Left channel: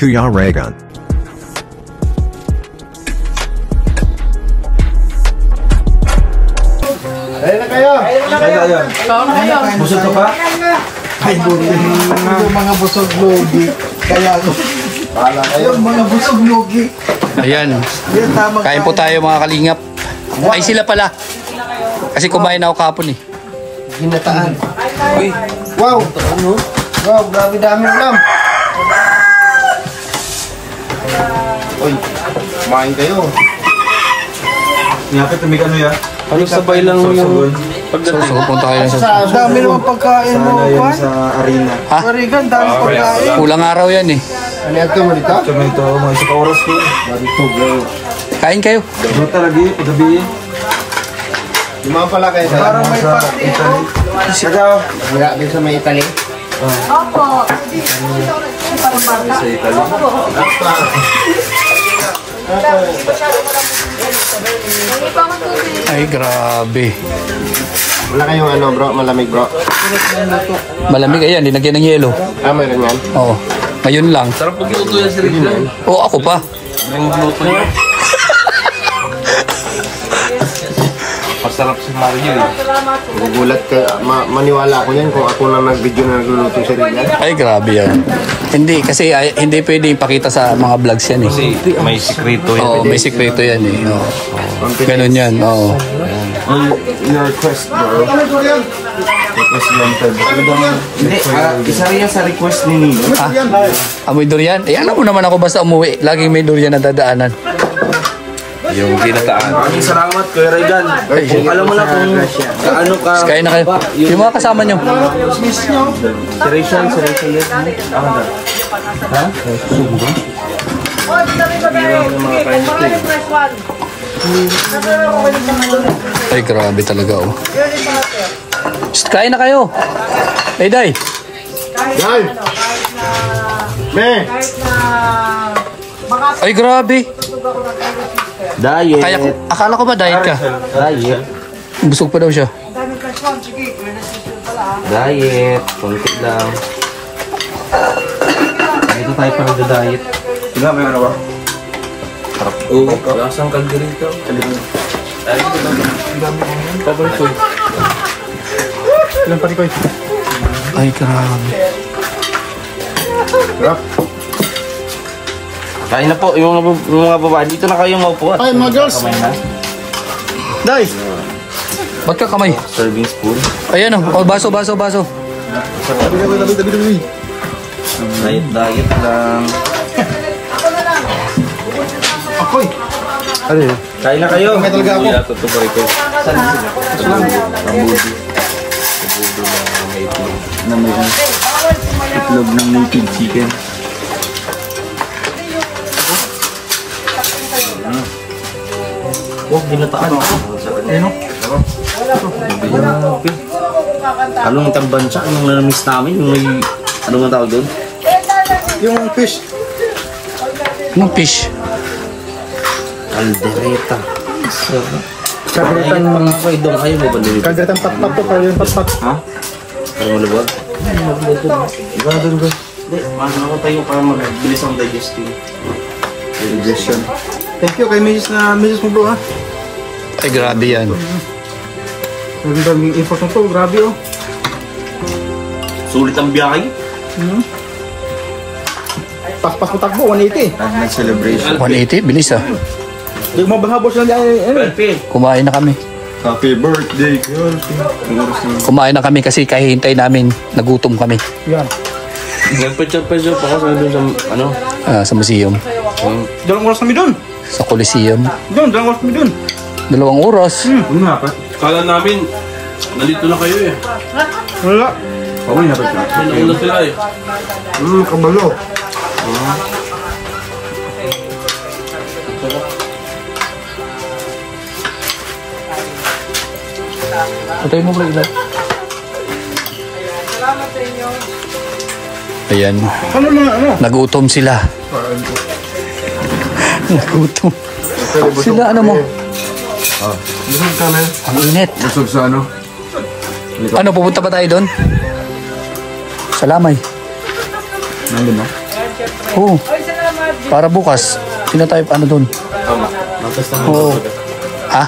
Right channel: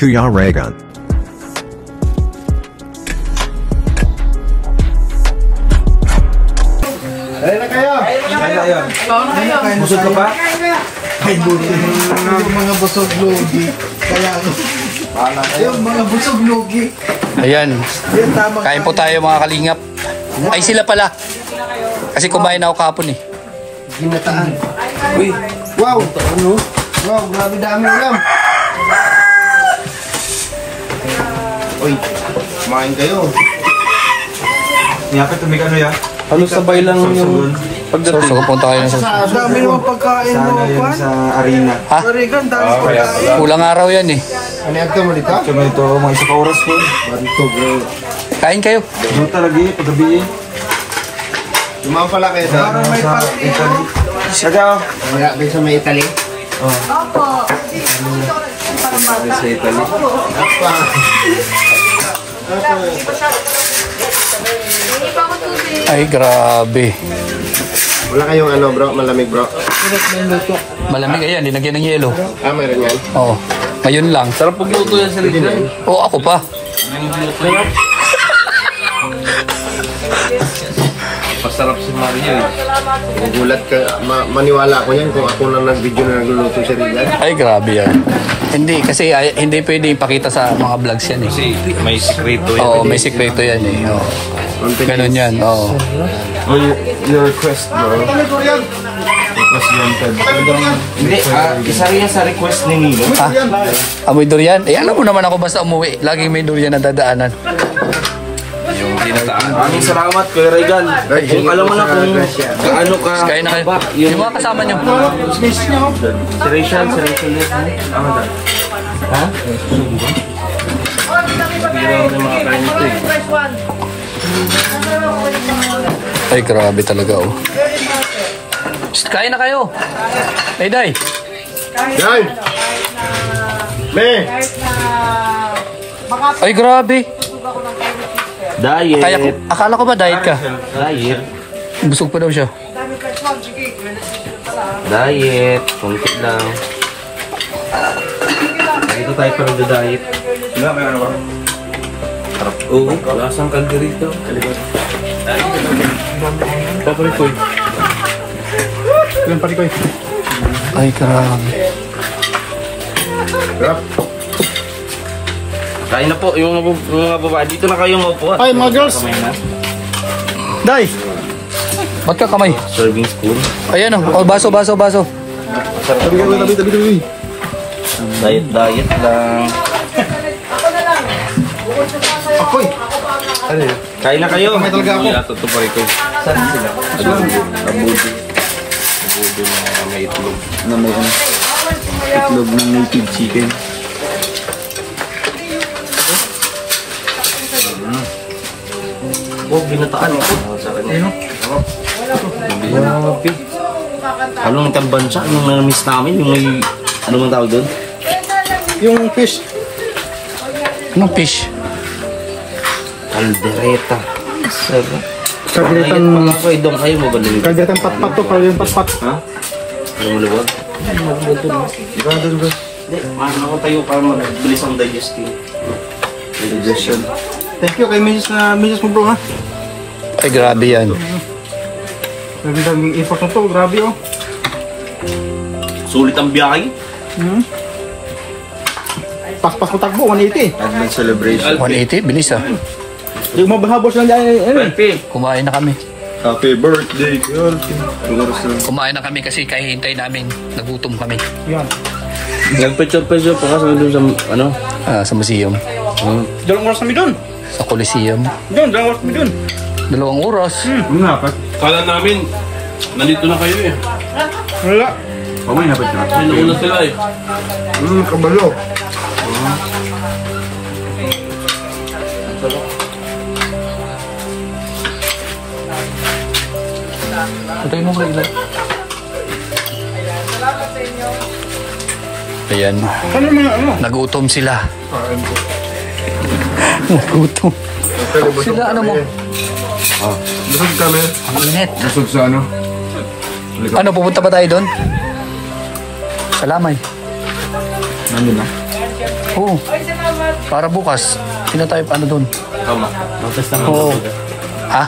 Kuya Regan. Ayun na kayo! Ayun. Busog ka pa? Ay, buti. Yung mga busog logi. Kaya yung mga busog logi. Ayan. Kain po tayo mga kalingap. Ay sila pala. Kasi kumain ako kahapon eh. Ginataan. Uy. Wow. Wow, grabe dami ulam. Uy, kumain kayo. Ngapit, tumig ano yan? Ano sabay lang yung pagdating? So, punta tayo sa... Dami naman pagkain mo. Sana yun sa arena. Ha? Regan, dami pagkain. Kulang araw yan eh. Ano yan ito mo dito? Kami ito, mga isa pa oras ko. Dito, bro. Kain kayo. Dito lagi, paggabi eh. Lumang pala kayo sa Italy. Sagaw. Wala kayo sa may Italy? Opo. Sa Italy. Ay, grabe. Wala kayong ano bro, malamig bro? Malamig ayan, dinagyan ng yelo. Ah, may ganyan? Oo. Ngayon lang. Sarap pagluto yan sa libre. Oo, ako pa. Masarap si Mario eh. Nagulat ka, maniwala ako yan kung ako na nag-video na nagluluto sa Regan. Ay, grabe yan. Hindi, kasi hindi pwede ipakita sa mga vlogs yan eh. Kasi may sikreto yan. Oo, may sikreto yan eh. Oo. Ganun yan, oo. Your request bro. Request wanted. Hindi, isa rin yan sa request ni Nino. Ha? Amoy durian? Eh, alam mo naman ako basta umuwi. Laging may durian na dadaanan. Yung ginataan. Maraming salamat kay Regan. Kung alam mo na kung ano ka. Kaya na kayo. Yung mga kasama nyo. Si Rachel ulit. Ha? Biwang ng mga kain ito eh. Ay, grabe talaga oh. Kain na kayo. Hey, Day. Day! Me! Ay, grabe. Diet. Akala ko ba diet ka? Diet. Busog pa daw siya. Diet. Kunti lang. Dito tayo pa nag-diet. Sino ang meron ba? Oo. Lasang kalderito. Paparikoy. Yung parikoy. Ay, grabe. Rap. Kain na po yung mga babae. Dito na kayo maupo. Ay, mga girls! Day! Ba't ka kamay? Serving spoon. Ayan oh. Oh, baso. Tabi. Diet lang. Akoy! Ano yun? Kain na kayo. May talaga ako. Kuya, tutupari ko. Saan sila? Kabudo. Kabudo na may itlog. Na may ano? Itlog ng native chicken. Oh, binataan ako. Ano? Grabe. Anong tambansa? Anong namiss namin? Yung may... Anong ang tawag doon? Yung fish. Anong fish? Caldereta. Sarap. Kalderetan. Mga kayo doon kayo mo ba nalibig? Kalderetan pat-pat to. Kalderetan pat-pat. Ha? Ano malibag? Ano malibag doon? Ikaw doon bro. Hindi. Ano ako tayo para mabilis ang digestion. Digestion. Thank you kay Mrs. mo bro ha. Ay, grabe yan. Nagandang effort na to. Grabe oh. Sulit ang biyahe. Paspas mo takbo. 180. Advent celebration. 180, bilis ah. Hindi mo mahabos lang dyan. Perfect. Kumain na kami. Happy birthday. Kumain na kami kasi kahihintay namin. Nagutom kami. Yan. Nagpechop-pechop pa kasi doon sa ano? Sa museum. Dalawang oras kami dun. Sa Coliseum. Dalawang oras kami dun. 2 oras. Nga pa. Kala namin, nalito na kayo eh. Wala. Paway na pa siya. Nauna sila eh. Kabalo. Patay mo bro ilaw. Ayan. Nagutom sila. Nagutom. Sila ano mo? Busog kami. Ang init. Busog sa ano? Ano, pupunta pa tayo doon? Salamay. Nandun na? Oo. Para bukas. Sino tayo, ano dun? Tama. Mag-test naman. Oo. Ha?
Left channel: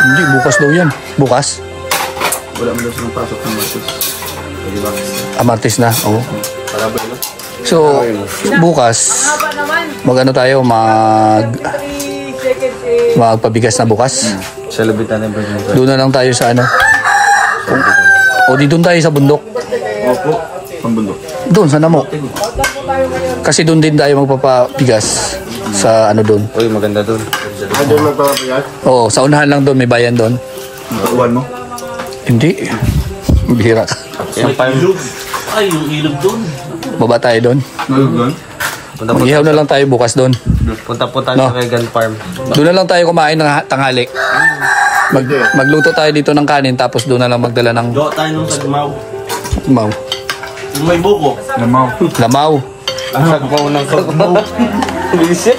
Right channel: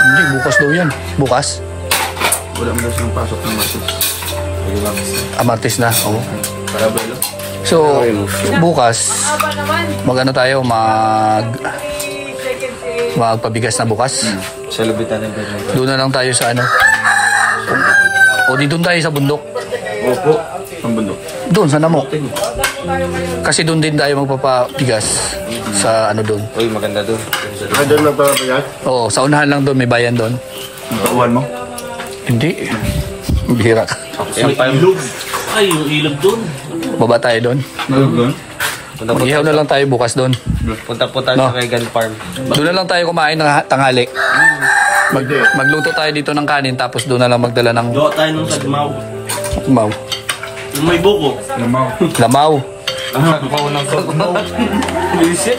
Hindi, bukas daw yan. Bukas? Wala mo daw silang pasok ng Martes. Diba? Martes na, oo. Para ba yun? So, bukas, mag-ano tayo, magpabigas na bukas. Sa labitan ng Bernardo. Doon na lang tayo sa ano. O di doon tayo sa bundok. Opo. Ang bundok. Doon, sa Namo. Kasi doon din tayo magpapabigas sa ano doon. Uy, maganda doon. Doon magpapabigas? Oo, sa unahan lang doon, may bayan doon. Ang kauwan mo? Hindi. Bihira ka. Ilog. Ay, yung ilog doon. Baba tayo doon. Doon? Mag-ihaw na lang tayo bukas doon. Punta po tayo No. sa Regal Farm. Doon na lang tayo kumain ng tanghali. Magluto tayo dito ng kanin tapos doon na lang magdala ng Gawa tayo nung sagmaw. maw. Yung may buko. Lamaw. Lamaw. Sagmaw ng sagmaw. Bilisip.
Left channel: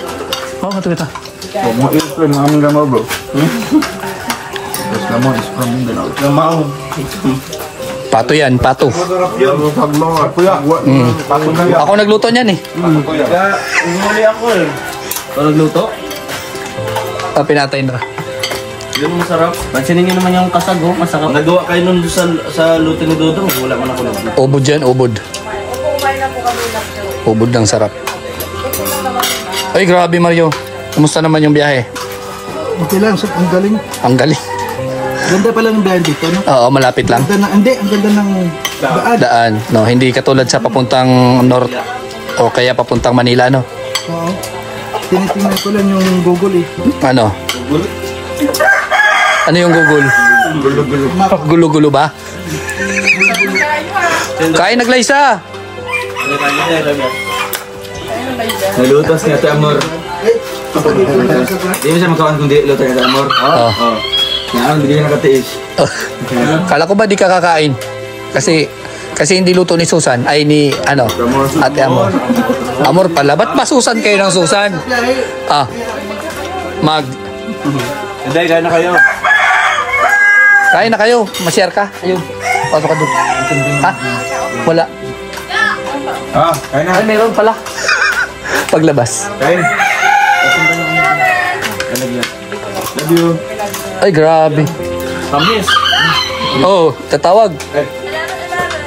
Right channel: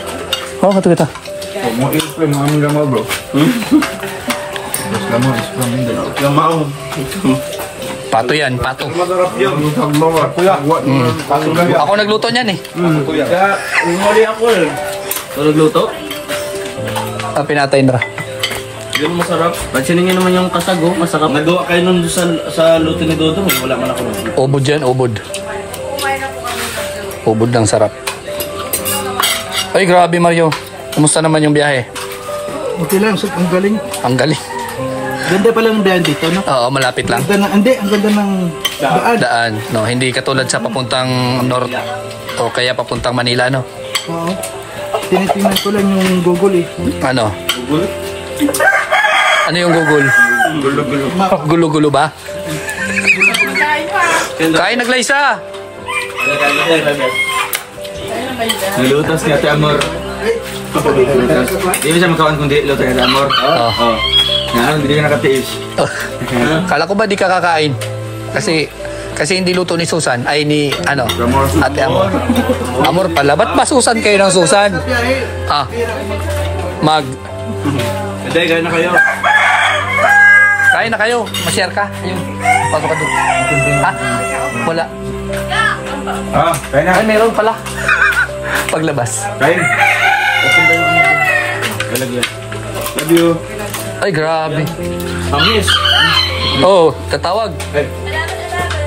Oh, kato kita. Huwag mo i-flame ng aming gamaw, bro. Tapos naman, is-from din ako. Lamaw. Pato yan, pato. Masarap yan. Yung pagmawa. Kuya, Ako nagluto niyan eh. Kuya, umali ako eh. Ito nagluto? Pinatay na. Yung masarap. Pansinin nyo naman yung kasag, oh. Masarap. Nagawa kayo nun sa luto ni Dodong. Wala man ako nun. Ubod yan, ubod. Ubod ng sarap. Ay, grabe Mario. Kumusta naman yung biyahe? okay lang, ang galing. Ang galing. Ganda pala ng bayan dito, no? Oo, malapit lang. Ganda ng, hindi, ang ganda ng daan. Daan. No, hindi katulad sa papuntang north o kaya papuntang Manila, no? Oo. Tinitingnan ko lang yung Google eh. Ano? Google? Ano yung Google? Gulo-gulo. Gulo-gulo ba? Kain naglaysa. Nilutos ni Ate Amor. Di mo siya makawan kundi luto ni Ate Amor. Oo. Nga, hindi ka nakatiis. Kala ko ba di ka kakain? Kasi hindi luto ni Susan, ay ni ano, Ate Amor. Amor pala, ba't ba Susan kayo ng Susan? Hindi, gano'n na kayo. Kain na kayo, ma-share ka. Ayun, pasok ka doon. Ha? Wala. Kain na. Ay, meron pala. Paglabas. Kain. Lalagyan. Love you. Ay, grabe. Kamis. Oh, tatawag.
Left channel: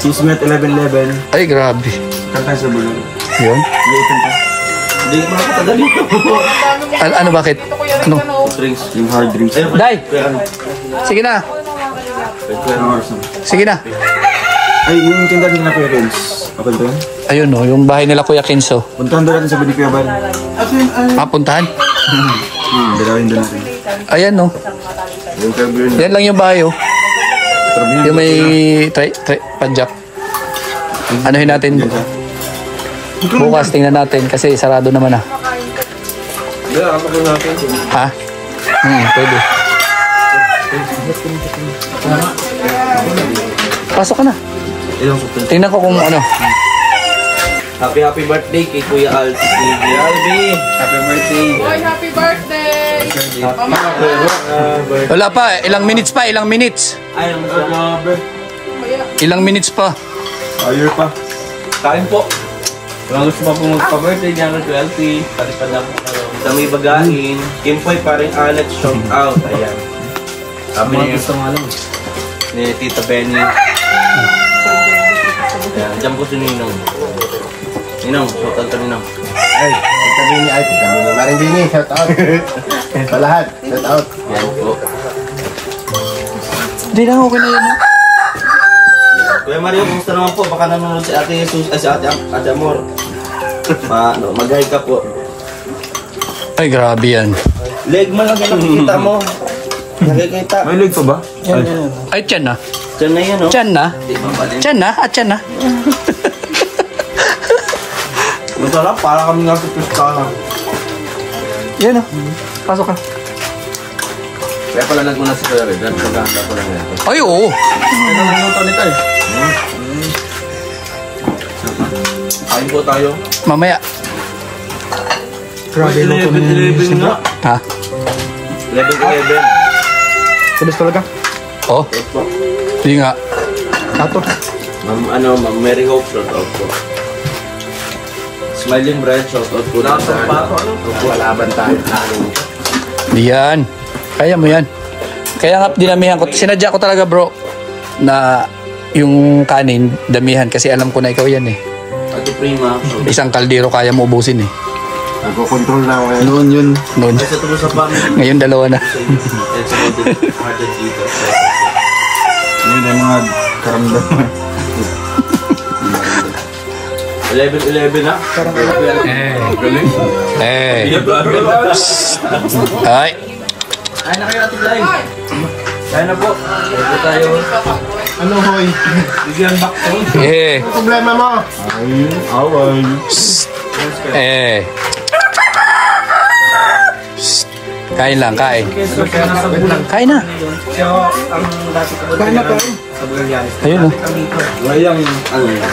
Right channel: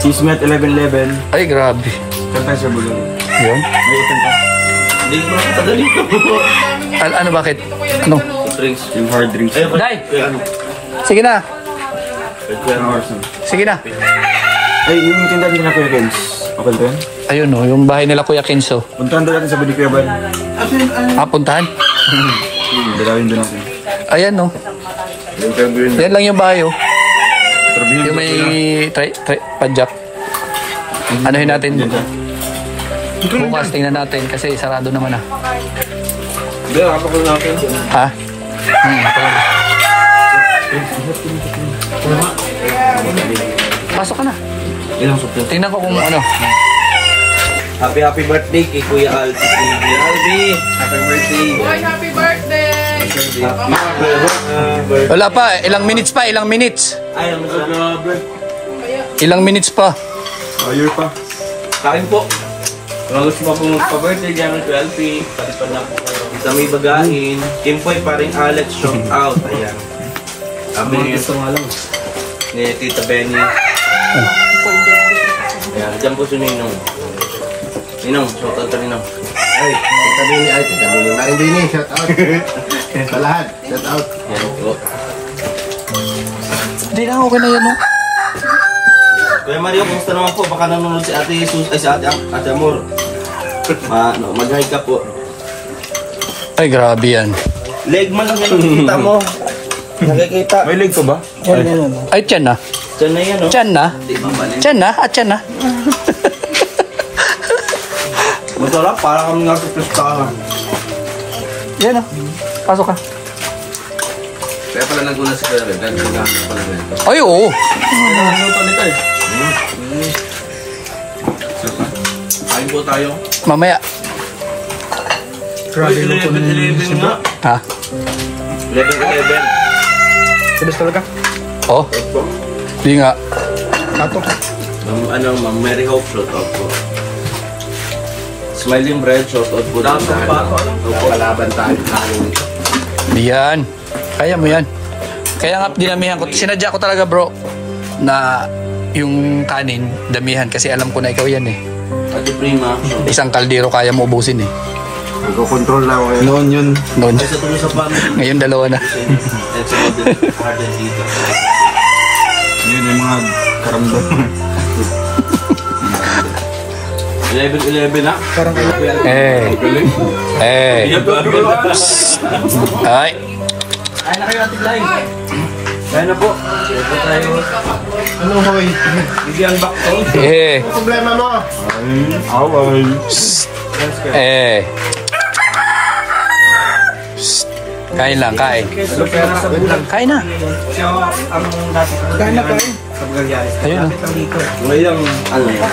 Chismet 1111. Ay, grabe. Kantay sa bulong. Yun. Liitin pa. Hindi mo makapadali ito. Ano, bakit? Ano? Drinks. Yung hard drinks. Dai! Kuya ano? Sige na. Kuya Norson. Sige na. Ay, yung tindahan nila Kuya Renz. Okay ba yan? Ayun no, yung bahay nila Kuya Kenzo. Puntahan doon natin sa Bini Kuya Bal. Puntahan? Dalawin doon natin. Ayan no. Yan lang yung bahay oh. Yung may padjak. Anuhin natin. Bukas tingnan natin kasi sarado naman ah. Hindi, ako ko natin. Ha? Pwede. Pasok ka na. Ilang supi. Tingnan ko kung ano. Happy birthday kay Kuya Alpi. Kuya Alpi, happy birthday. Happy birthday! Wala pa, ilang minutes pa, ilang minutes. Ay, ang grabe. Ilang minutes pa. Ayer pa. Kain po. Kung gusto pa po magpa-birthday dyan kay Kuya Alpi, patipad na po sa may bagain. Kimpoy, paring Alex, shout out. Ayan. Sabi niya gusto nga lang. Ni Tita Benny. Ayan, dyan po si Ninong. Ninong, shout out ka Ninong. Ay, sabi ni Ate, sabi ni Marindini, shout out. Sa lahat, shout out. Yan po. Hindi lang, okay na yan no. Kuya Mario, kumusta naman po? Baka nanonood si Ate Jesus, ay si Ate Amor. Mag-hi ka po. Ay, grabe yan. Leg man lang yan nakikita mo. Nakikita. May leg pa ba? Ay, tiyan na. Diyan na yan, oh. Tiyan na. Tiyan na, at tiyan na. Masarap, para kami nga sa pistahan. Yan o. Pasok ka. Kaya pala naguna si Kuya Red. Naganda ko lang yan. Ay, oo. Minuto nito eh. Kain po tayo. Mamaya. Uy, 11 nga. Ha? 11. Tulis talaga. Oh. Hindi nga. Ma'am Mary Hope, shout out po. Smiling Bread, shoutout po din sa kalaban tayo. Yan. Kaya mo yan. Kaya nga dinamihan ko. Sinadya ko talaga bro na yung kanin damihan kasi alam ko na ikaw yan eh. Ate Prima. Isang kaldero kaya mo ubusin eh. Nagko-control na ako ngayon. Noon yun. Noon. Sa tulo sa pam. Ngayon dalawa na. At sa modern dito. Yun ay mga karamdaman. 11-11 na. Ay. Ay. Ay, na kayo natin live. Kaya na po. Ito tayo. Ano, hoy? Bigyan back to. Eh. Ano problema mo? Ay, away. Eh. Kain lang, kain. Kaya nasa bulan. Kain na. Siya ang dati ko. Kaya na kain. Sa Bugalyanis. Ayun oh. Ngayon, ano yan?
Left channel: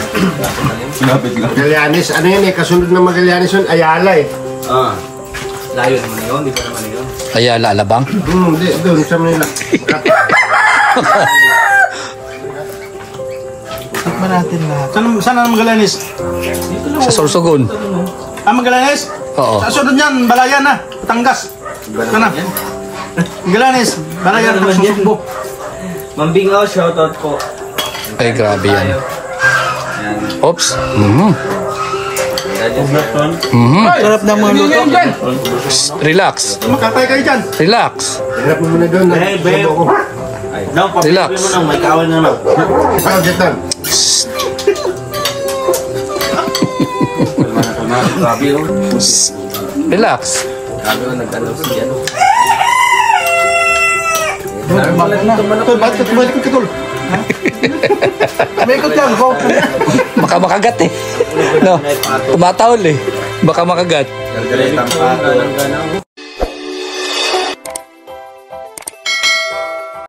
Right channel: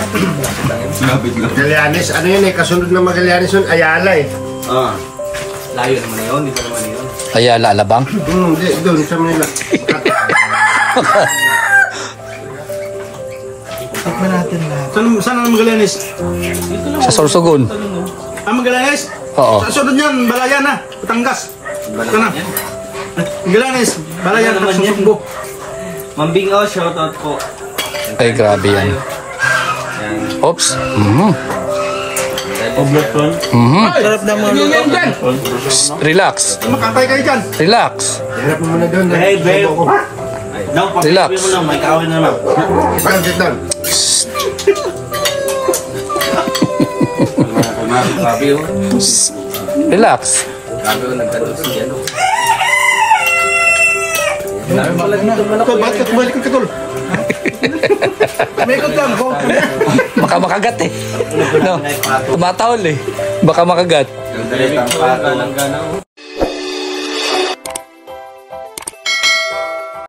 Lapit lang. Magallanes, ano yun eh, kasunod ng Magallanes yun, Ayala eh. Ah. Layo naman na yun, di pa naman na yun. Kaya lalabang. Hindi, doon sa Manila. Tignan natin lahat. Saan ang Magallanes? Sa Sorsogon. Magallanes? Oo. Sa sunod niyan, Balayan na, Batangas. Ito na. Magallanes, Balayan, Ano naman yan? Susugbo. Mambingaw, shoutout po. Ay, grabe yan. Oops. Harap na mga luto. Relax. Makatay kayo dyan. Relax. Hirap mo muna doon. Hey, babe. No, Relax. papilipin mo lang, may kawan na naman. Budget lang. Grabe yun. Relax. Grabe yun, nagtanong si ano. Tol, bakit ka tumalik ka, Tol? May ikot dyan, go. Baka makagat eh. No. Tumatawal eh. Baka makagat. Nagdalit ang pato ng ganaw.